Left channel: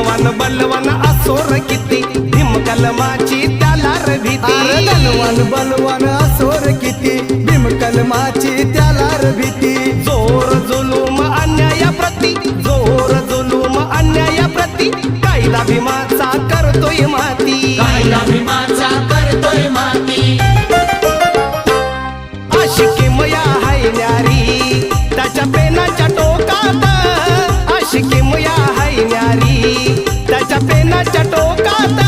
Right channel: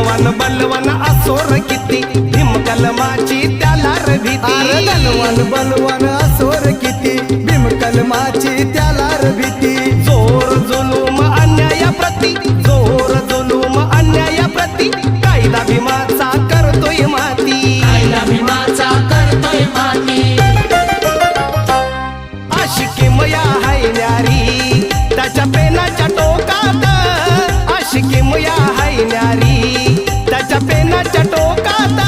दलवान बलवान असोर किती भीम कलमाची त्याला र भीती अरे दलवान बलवान असोर किती भीम कलमाची त्याला र भीती जोर जुलूम अन्यायाप्रती जोर जुलूम अन्यायाप्रती कायदा भीमाचा करतोय माती आशिकी मया हाय न्यारी त्याच्या पेनाच्या टोकात आशिकी मया हाय न्यारी त्याच्या पेनाच्या टोकात